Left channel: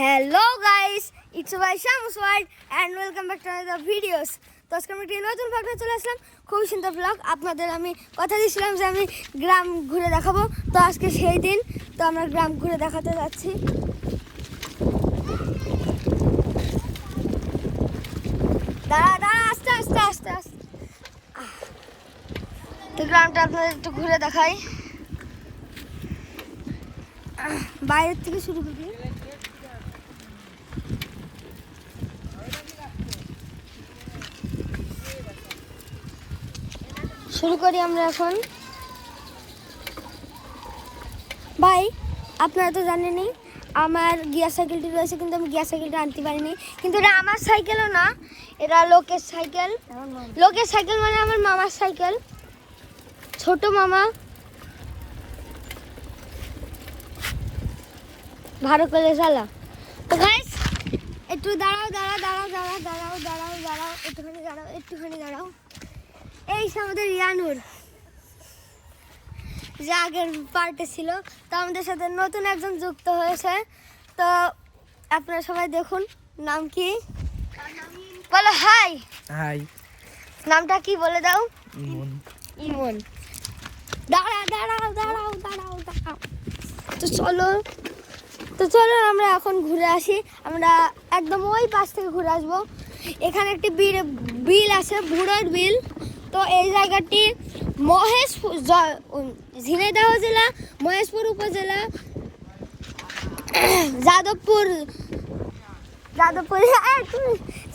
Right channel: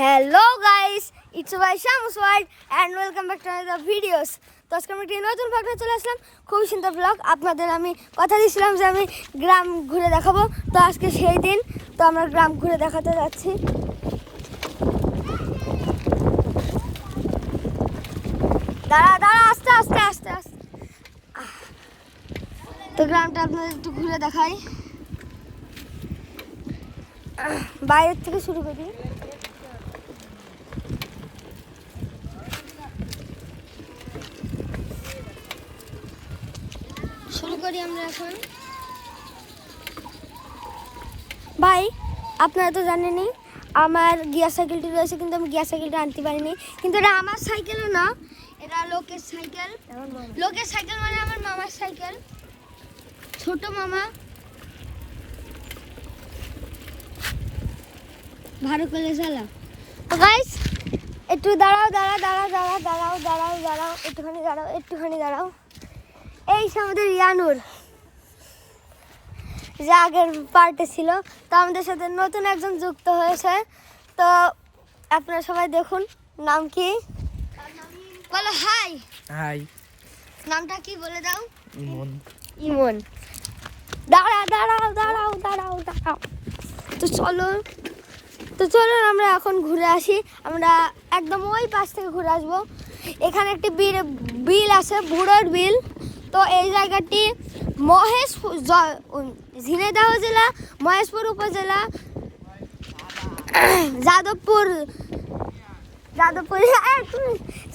Hello guys, it's my Shams world and welcome back to another videos. তো আজকে আমি একটি নতুন ব্লগ চলে আসলাম, খুব সুন্দর ব্লগ। আপনাদের আমি কথা দিয়েছিলাম যে আমি গ্রাম ঘুরে দেখাবো, তো আজকে সেই দিন। তো আমরা গ্রাম ঘুরে দেখাতে যাচ্ছি। দাঁড়া দাঁড়া, আস্তে আস্তে আস্তে আস্তে। তো গ্রামটা আপনাদের একটু ঘুরে দেখাই, বাইরের থেকে শুরু করি। শুরু করি আমরা এখন। ভাই, আপনারা তো জানেনই আমার গিয়ার সাইকেলটি রয়েছে, কিন্তু আমি গিয়ার সাইকেলটা আনতে পারিনি। কিন্তু এটা আমার সাইকেলও না, এটা লোকের সাইকেল। লোকের সাইকেল মানে আমার মামার সাইকেল, ছোট মামা। ভালো করে চালা। তো গাইস, একটু দাঁড়াও দাঁড়াও দাঁড়াও দাঁড়াও দাঁড়াও দাঁড়াও দাঁড়াও একটুখানি দাঁড়াও, একটুখানি দাঁড়াও। এই আমাদের ইয়ানুর, যে আগের পার্টে ছিল, তো আমাদের সাথে নতুন একজন যুক্ত হয়েছে। তো আপনারা সবাই দেখুন, নাম কি বলো? হাই হাই, নামটা কি বলে দাও? ইমন। ইমন। দাঁড়াও দাঁড়াও দাঁড়াও দাঁড়াও দাঁড়াও। তো চলো আমরা এখন ঘুরে আসি। আমরা একদম ওই পাশ থেকে ঘুরে আসবো। এখানে একটি বিল আছে, বুড়োর বিল। তো এই জায়গাটি ঝিনাইদহ জেলা, মহেশপুর উপজেলা,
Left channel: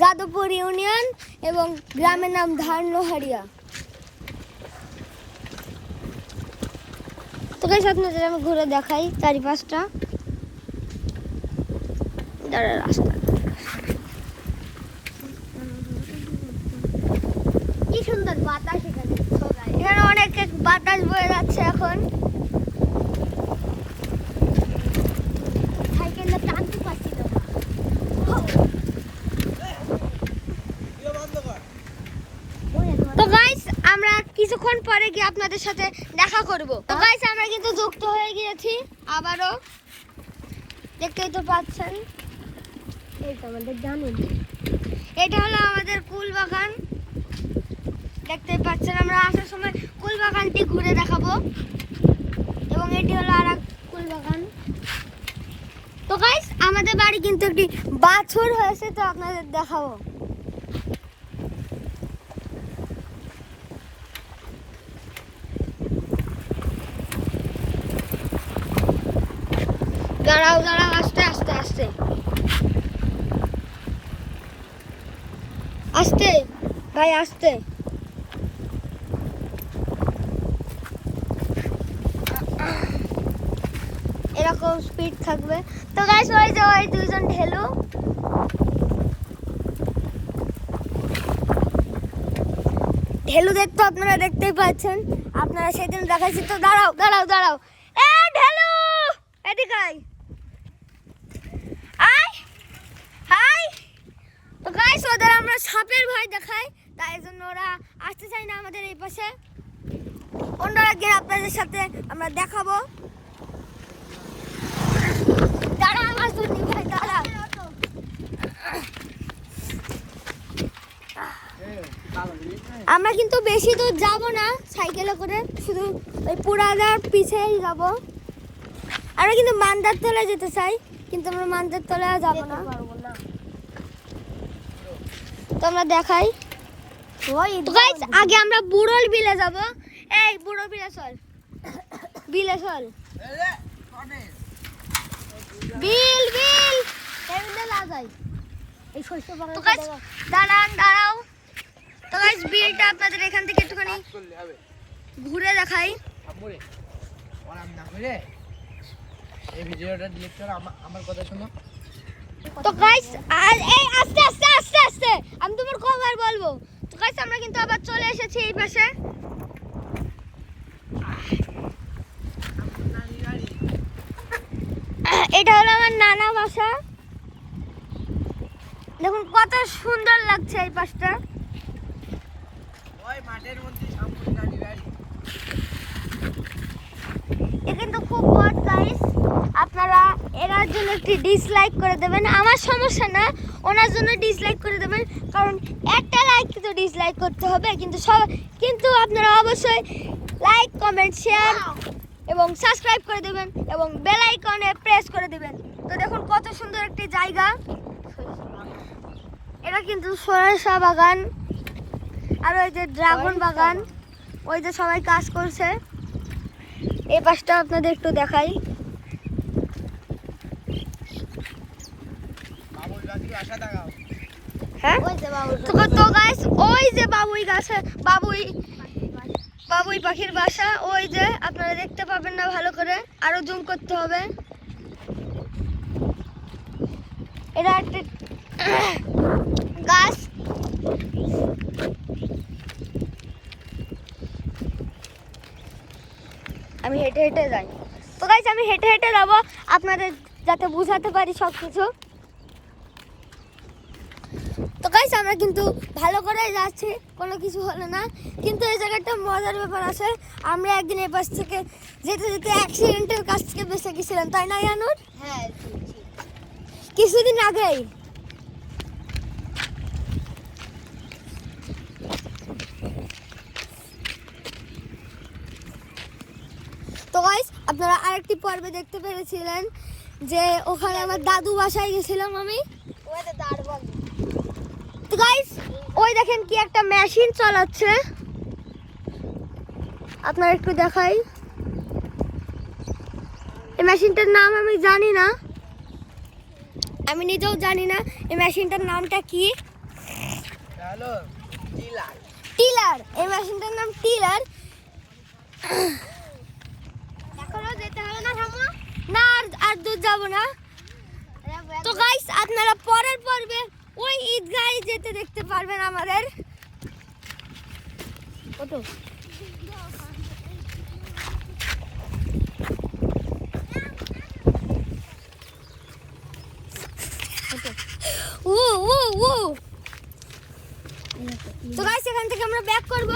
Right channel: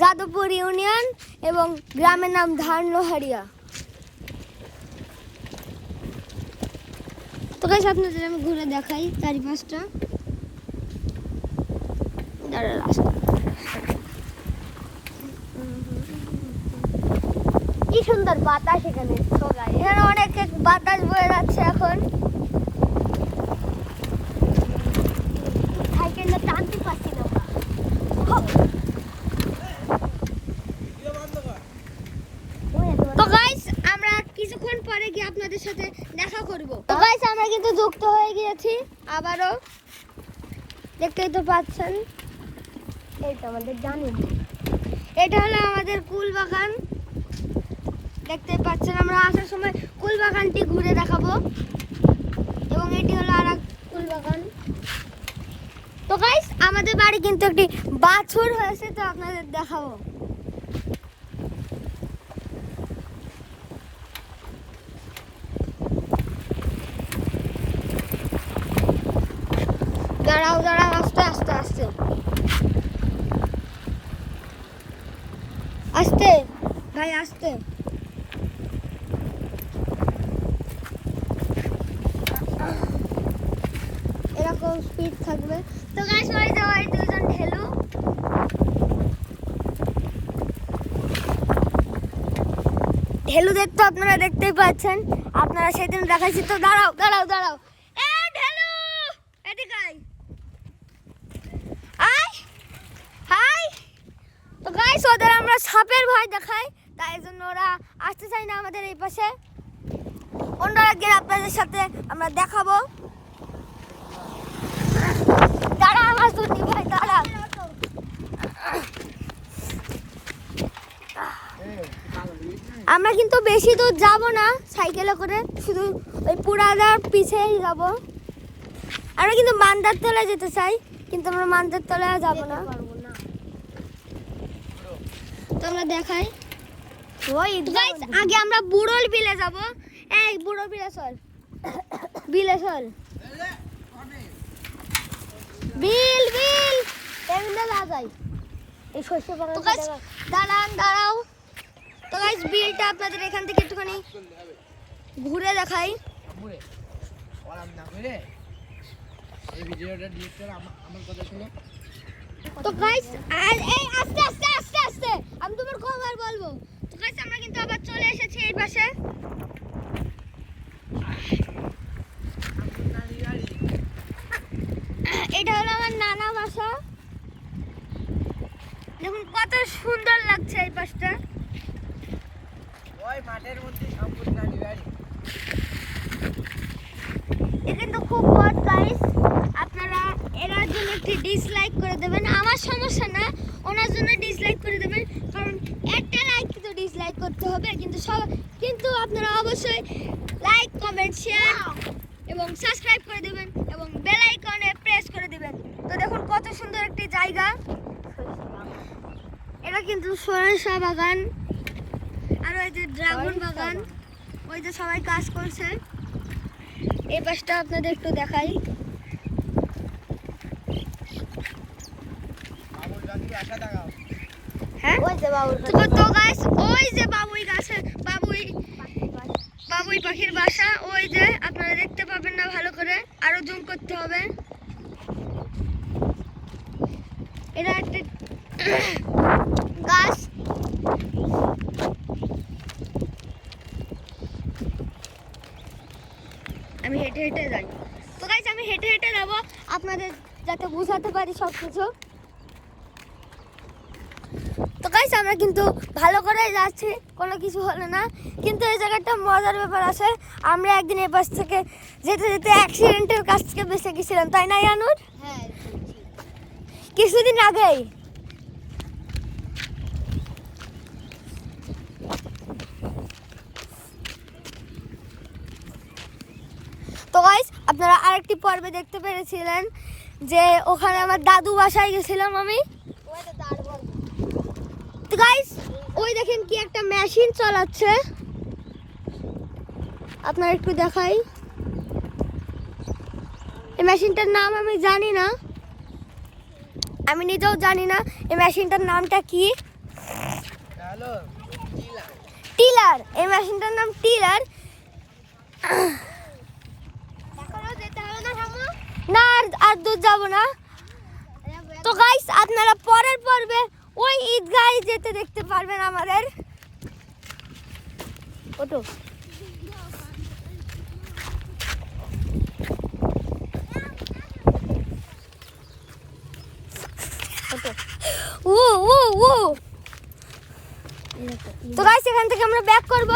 যাদবপুর ইউনিয়ন এবং গ্রামের নাম ধানলোহারিয়া। তো গাইস, আপনাদের আমি ঘুরে দেখাই চারিপাশটা। রাস্তা কি সুন্দর বাতাস এখানে, এখানে অনেক বাতাস বয়ে যাচ্ছে এখন। সাইকেলটা টানতে পারছি না। তো গাইস, আমরা কিছুক্ষণ পরে গিয়ে আপনাদের সাথে দেখা করব। তো গাইস, আমরা কিন্তু যুক্ত হয়ে গিয়েছি আবারও, দেখতেই তো পাচ্ছেন। এই তো আমাদের জানেন, এটা হলো আমাদের কুল বাগান। দেখতে পাচ্ছেন, আমরা আসার সময় কুল বাগানটি ঘুরে দেখাবো, এবং এটি হলো আর এক কুল বাগান। তো গাইস, আমাদের বাড়ি কিন্তু একটি বাছুর হয়েছে, তো আপনাদের দেখাবো। দাঁড়াও দাঁড়াও, আস্তে আস্তে আস্তে আস্তে ভাই, আস্তে। এরকম স্পিড থাকবে। তো গাইস, ওই যে ওই দুইজন ঢেলু, ঢেলু দেখতে আপনারা দেখতেই পাচ্ছেন, আপনারা সেদিন দেখাচ্ছি। তো দাঁড়াও দাঁড়াও দাঁড়াও, এ ঢেলু এদিকে আয়, আয় হাই। তো গাইস, ওদের আমরা সাপের ভয় দেখাই, তাই জন্য ওরা আসতে চায় না আমাদের এই পাশে। অন্য একদিন আপনাদের সাথে আমরা দেখাবো। দাঁড়া আমার দুটি ভাই, দাঁড়া। আমরা কিন্তু বেশি দূর যাব না সাইকেলে করে, শুধু ওই পুরাদার পিছেই যাব। আমরা কিন্তু মান্দার তলায় যেতে চাই, কিন্তু আমরা মান্দার তলায় যাব না। তো আমরা দেখাই। আগে আমরা বুড়োল বিলে যাব। এই বুড়ো বিলে চল, বিলে চল, বিল বিল এমনে লাগাই এই শস্য। তো গাইস, দাঁড়াও। তো গাইস, বিলটা আপনাদের এখান থেকে একটুখানি ঘুরে দেখাই। এই ভিডিওটা ডিলিট করো, আমার কথা শোনো। তো গাইস, এই আস্তে আস্তে আস্তে আস্তে আমি তোমার কবার বলবো। তো গাইস, আমরা কিন্তু আবার চলে এসেছি এই পাশে। এটা হলো আমার নানা বাসা। দেখুন কত সুন্দর লাগছে এই পাশটা। এ কিন্তু খুব মজা গাইস, আপনারা এরার জন্য একটি ডিসলাইক করে দেবেন। আমার সমস্যা না, ওনার জন্য ডিসলাইক করে দেবেন, কারণ একটা লাইক তো ডিসলাইক করতে হবে, কিন্তু আপনারা অবশ্যই লাইক কমেন্ট শেয়ার এবং সাবস্ক্রাইব করে দেবেন এবং বেল আইকনে প্রেস করে দেবেন। তো দেখুন কত সুন্দর একটি জায়গা, এটা কিন্তু সরিষা বাগান, আর ওই যে ড্রাগন বাগান, ওই যে সবাই কাজ করছে। এই পাশটা আপনাদের একটু দেখাই। হ্যাঁ তো গাইস, ওই যে বাবুই গাছে বাবুই পাখির বাসা, ওই যে আপনারা দেখতে পাবেন না ভালো করে, আরো জুম করতে হবে। এটা একটা গাছ, আমি হেঁটে হেঁটে যাই। তো গাইস আমি হেঁটে হেঁটে যাবো আপনাদের যাতে বুঝাতে পারি সব কিছু। তো গাইস আমরা কিন্তু ভালো করে যাচ্ছি, কোনো কিছু হলো না, কিন্তু এই জায়গাটা মজার ব্যাপার আছে। আমরা একদিন এ পাশ থেকে যেতে যেতে অ্যাক্সিডেন্টের কাছ থেকে বেঁচে গেছিলাম, তাই না ইয়ানুর? হ্যাঁ, কিছুদিন আগেই। তো গাইস আপনারা আরেকটি পর্বে দেখতে পেরেছিলেন যে ওখানে আমার দাদু বাসায় গেছিলাম আমি। তো গাইস ওই দেখেন কি একটা মেশিন চালাচ্ছে, আপনারা একটু দেখাই। এই মেশিনটার নাম আমি জানি না, আমি নিজেও জানি না এই মেশিনটার নামটা কি। টিলার, এই মেশিনটার নাম টিলার। না আর দূর যাবো না। তো গাইস আপনারা পরের পর্বে ওই ঈদগাহে যেতে দেখতে পারবেন আমাদের। ওটো ও ও ও তো গাইস এখান থেকে আমরা ব্যাক করব।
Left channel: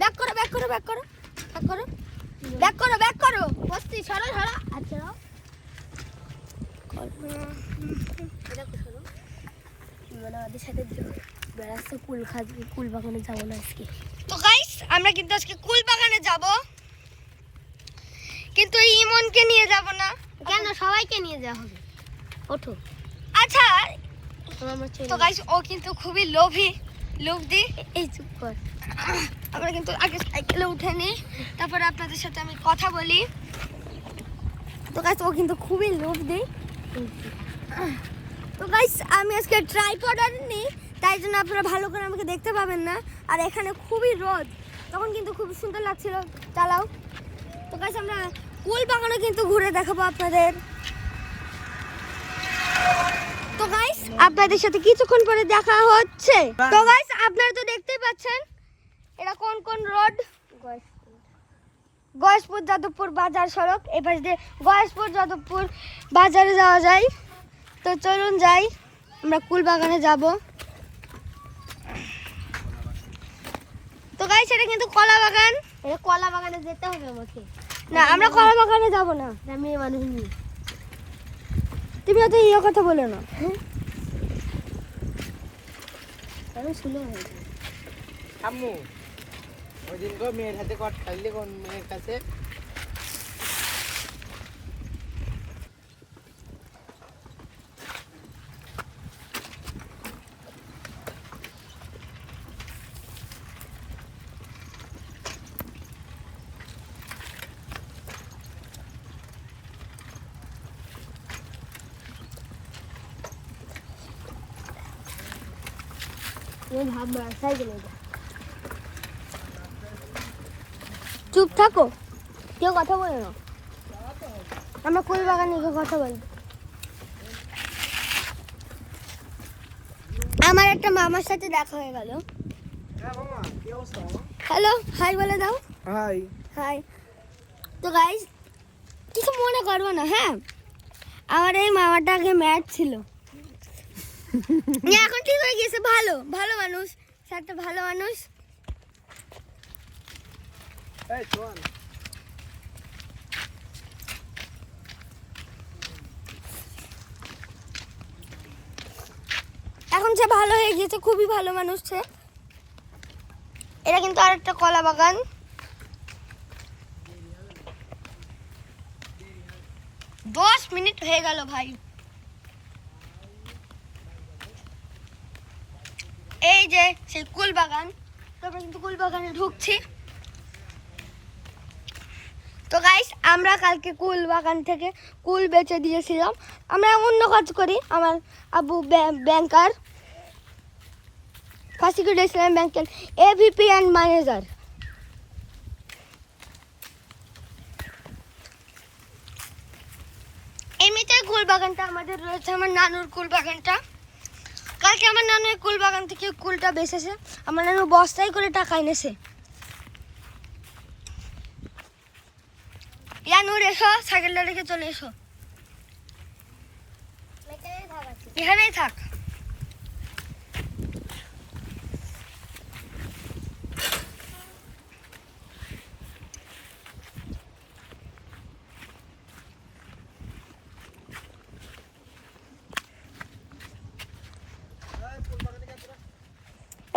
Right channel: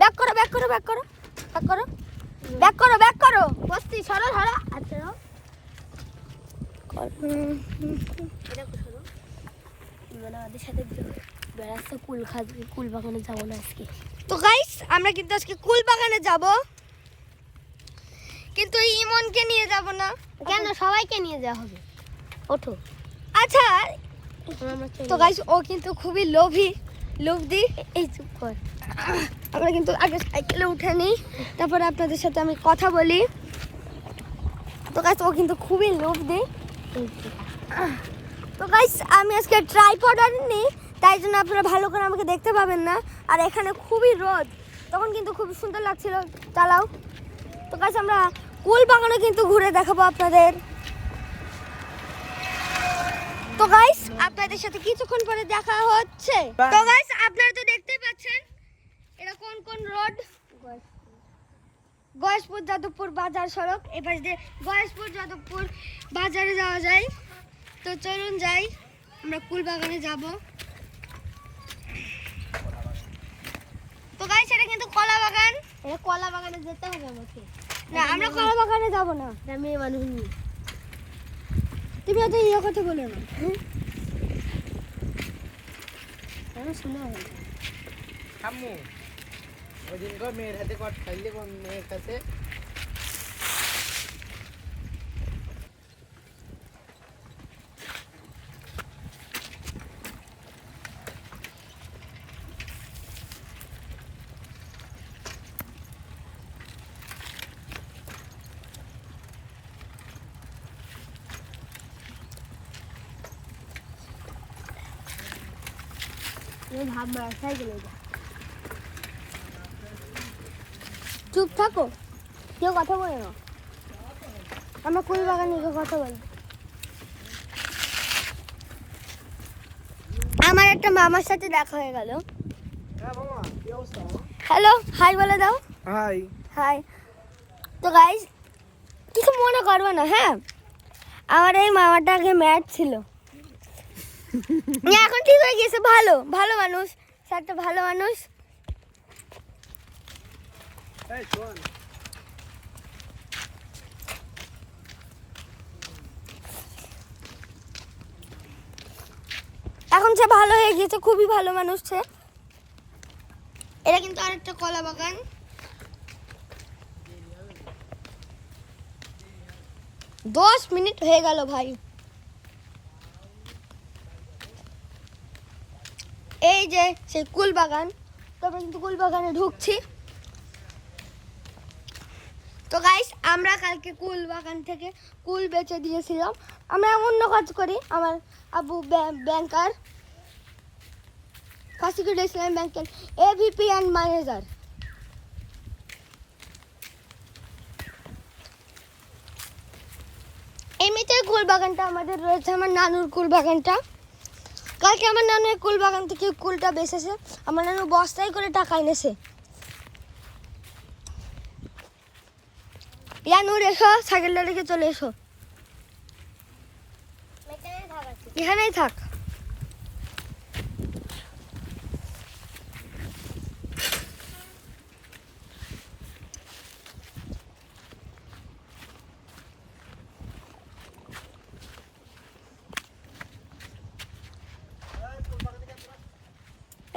ব্যাক করো ব্যাক করো ব্যাক করো ব্যাক করো ব্যাক করো ব্যাক করো বস্তি সরো সরো। আচ্ছা আমাদের সাথে বেড়াচ্ছে কুল বাগানে যাবো না আজকে। তো গাইস আমরা কিন্তু আজকে কুল বাগানে যাব, কিন্তু এই ইমনকে নিয়ে যাব না। কেন? সবাইকে নিয়ে যাওয়া হবে। ওঠো। আচ্ছা তো গাইস ও কিন্তু খুবই লোভী। এই চুপ কর। আমরা কিন্তু আগে সাইকেলে উঠে নিই, তারপরে আপনাদের সাথে আমি কথা বলি। তো গাইস ও কিন্তু খুবই লোভী। তো গাইস আমি আজকে ট্রাইপড আনিনি, তাই জন্য আপনারা ভালো করে আমাকে দেখতে পাবেন না। আর এখানে খুবই রোদ, তখন কিন্তু খুব সুন্দর লাগছিল। চালাও। তো গাইস আমরা কুল বাগানও কিন্তু ঘুরে দেখাবো আপনাদের। তো গাইস আপনাদের সাথে কিছুক্ষণ পরে দেখা হচ্ছে। তো গাইস আপনারা তো দেখতেই পাচ্ছেন এটা কোন রোড। গয়েশপুর যাদবপুর বাজার সড়ক, এবার দিয়ে গয়েশপুর যাদবপুর বাজারে যাওয়া যায়। তো চলুন যাই, আমরা কুল বাগানে যাব। তো গাইস এটা কিন্তু কলা বাগান। এই কলা বাগানে যেতে হবে আমাকে। না আমরা কলা বাগানে যাব না, আমি মানুষ নিয়ে। তুমি তো এই কথা বলে না। আমি শুনে আম্মু ওইদিন তো মেয়ের হাতে কট খাইলে কোন মেয়ের কাছে এই ভাবনা সাইকেলে যা। চুপ থাকো, কেউ কথা বলে না। আমরা কুল বাগানে গিয়ে কথা বলি। আমার একটা মামার সাথে দেখা হয়ে গেল। হ্যালো, হাই বলে দাও। High high. তো গাইস কিছু মনে করবে না, হ্যাঁ? আমার এই মামাটা আগে ম্যাট ছিল, এখন ঠিক হয়ে গেছে। ভালো মানুষ, একটা ভালো মানুষ। এই শোন এখন সে ভালো হয়ে গিয়েছে, খুবই ভালো মানুষ সে। এটা কিন্তু আরেকটা কলা বাগান। দশ মিনিট হয়ে গেল ভাই। এই যে সেই কুল বাগান, তারপর কিন্তু কুল বাগানে ঢুকছি। তো গাইস, আমরা কালকে কুল বাগান থেকে কুল বেচে দিয়েছিলাম। আমরা অন্য কাজ করি, আমার আব্বু ব্যাংকার, ফার্স্ট ইসলাম ব্যাংকের এভিপি অ্যান্ড ম্যানেজার। এমনিতেই কুল বাগানটা আমাদের রয়েছে, আমার নানুর কুল বাগানটা। কালকে আমার নানু এই কুল বাগান থেকে কুলটা বেচেছে। আমার নানু বস্তায় করে টাকা এনেছে। ইয়ানুর এসো, সাইকেলটা রেখে চলে এসো। এখানেই থাক।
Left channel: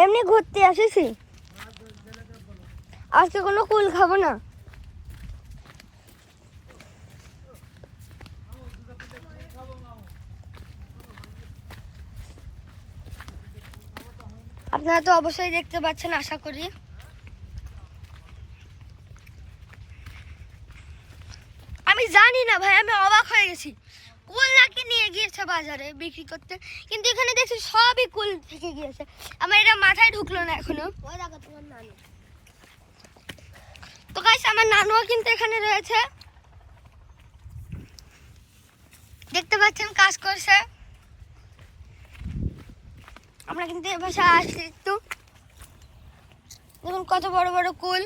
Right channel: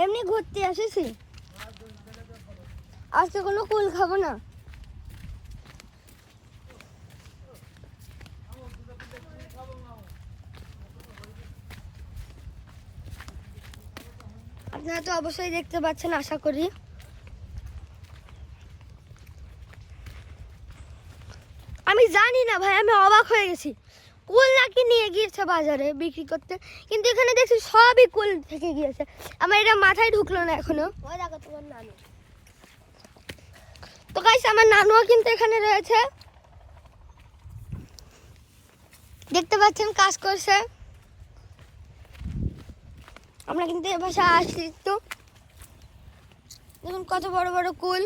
এমনি ঘুরতে আসেছি, আজকে কোনো কুল খাবো না। আপনারা তো অবশ্যই দেখতে পাচ্ছেন, আশা করি। আমি জানি না ভাই, আমি অবাক হয়ে গেছি। কুল নাকি নিয়ে গিয়েছে বাজারে বিক্রি করতে, কিন্তু এখানে দেখছি সবই কুল থেকে গিয়েছে। আমার এটা মাথায় ঢুকলো না এখনো। তো গাইস, আমার নানুও কিন্তু এখানে রয়েছে, দেখতে পাচ্ছেন কাজ করছে। আমরা কিন্তু এ বাসায় আসছি। তো দেখুন কত বড় বড় কুল,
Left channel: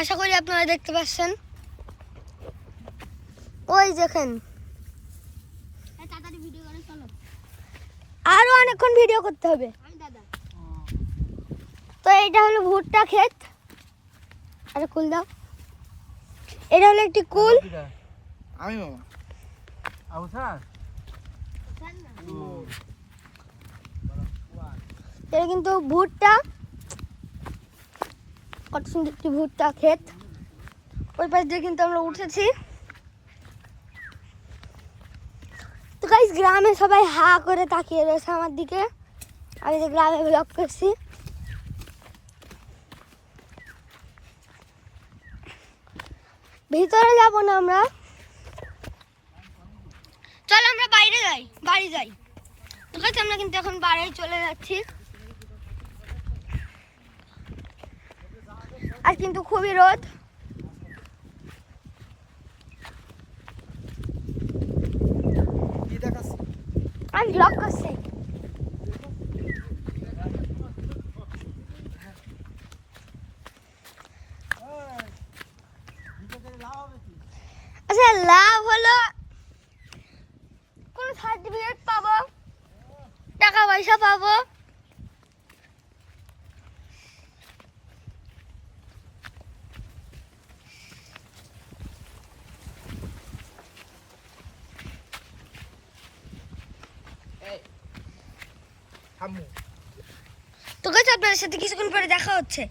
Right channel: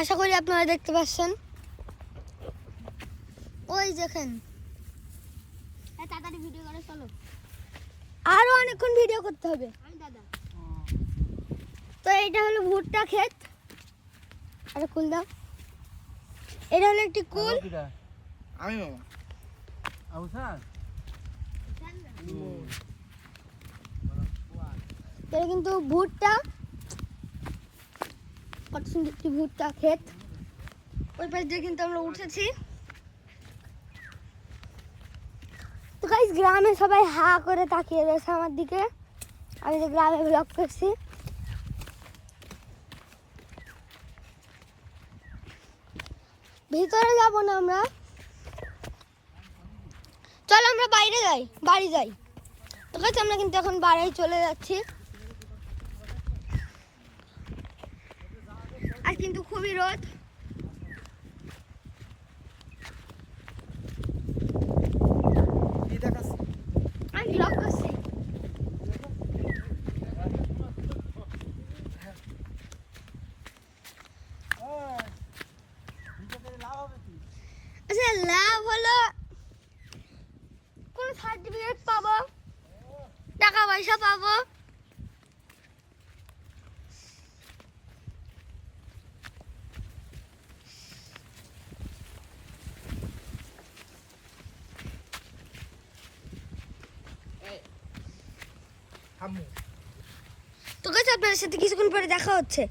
আশা করি আপনারা দেখতে পাচ্ছেন। ওই দেখেন, আরো অনেকক্ষণ ভিডিও করতে হবে। তো এটা হলো ভুট্টা ক্ষেত। আরে কুল দাও। এটা হলো একটি কুল। আমি মামা আউসা এটা কিন্তু ভুট্টা, কত সুন্দর একটি ভুট্টা ক্ষেত। ওই পাশ দিয়ে কিন্তু আমরা উঠেছি। তো গাইস, গ্রামে সবাই হা করে তাকিয়ে রয়েছে আমার দিকে। আমি যে গ্রামে ব্লগ করছি। ভিতরে যাবো না আমরা, চলো আমরা বাইরে যাই, বাড়ি যাই। ঠিক আছে, আমরা কিন্তু এখন বাড়ি চলে যাচ্ছি। আর কিন্তু খুবই রোদ। আমি ব্লগ করছি। আচ্ছা, লাভ হলো কোন সার্টিফিকেট পাবো, টাকা পয়সা পাবো। তো গাইস, আপনাদের সাথে কিছুক্ষণ পরে দেখা হচ্ছে।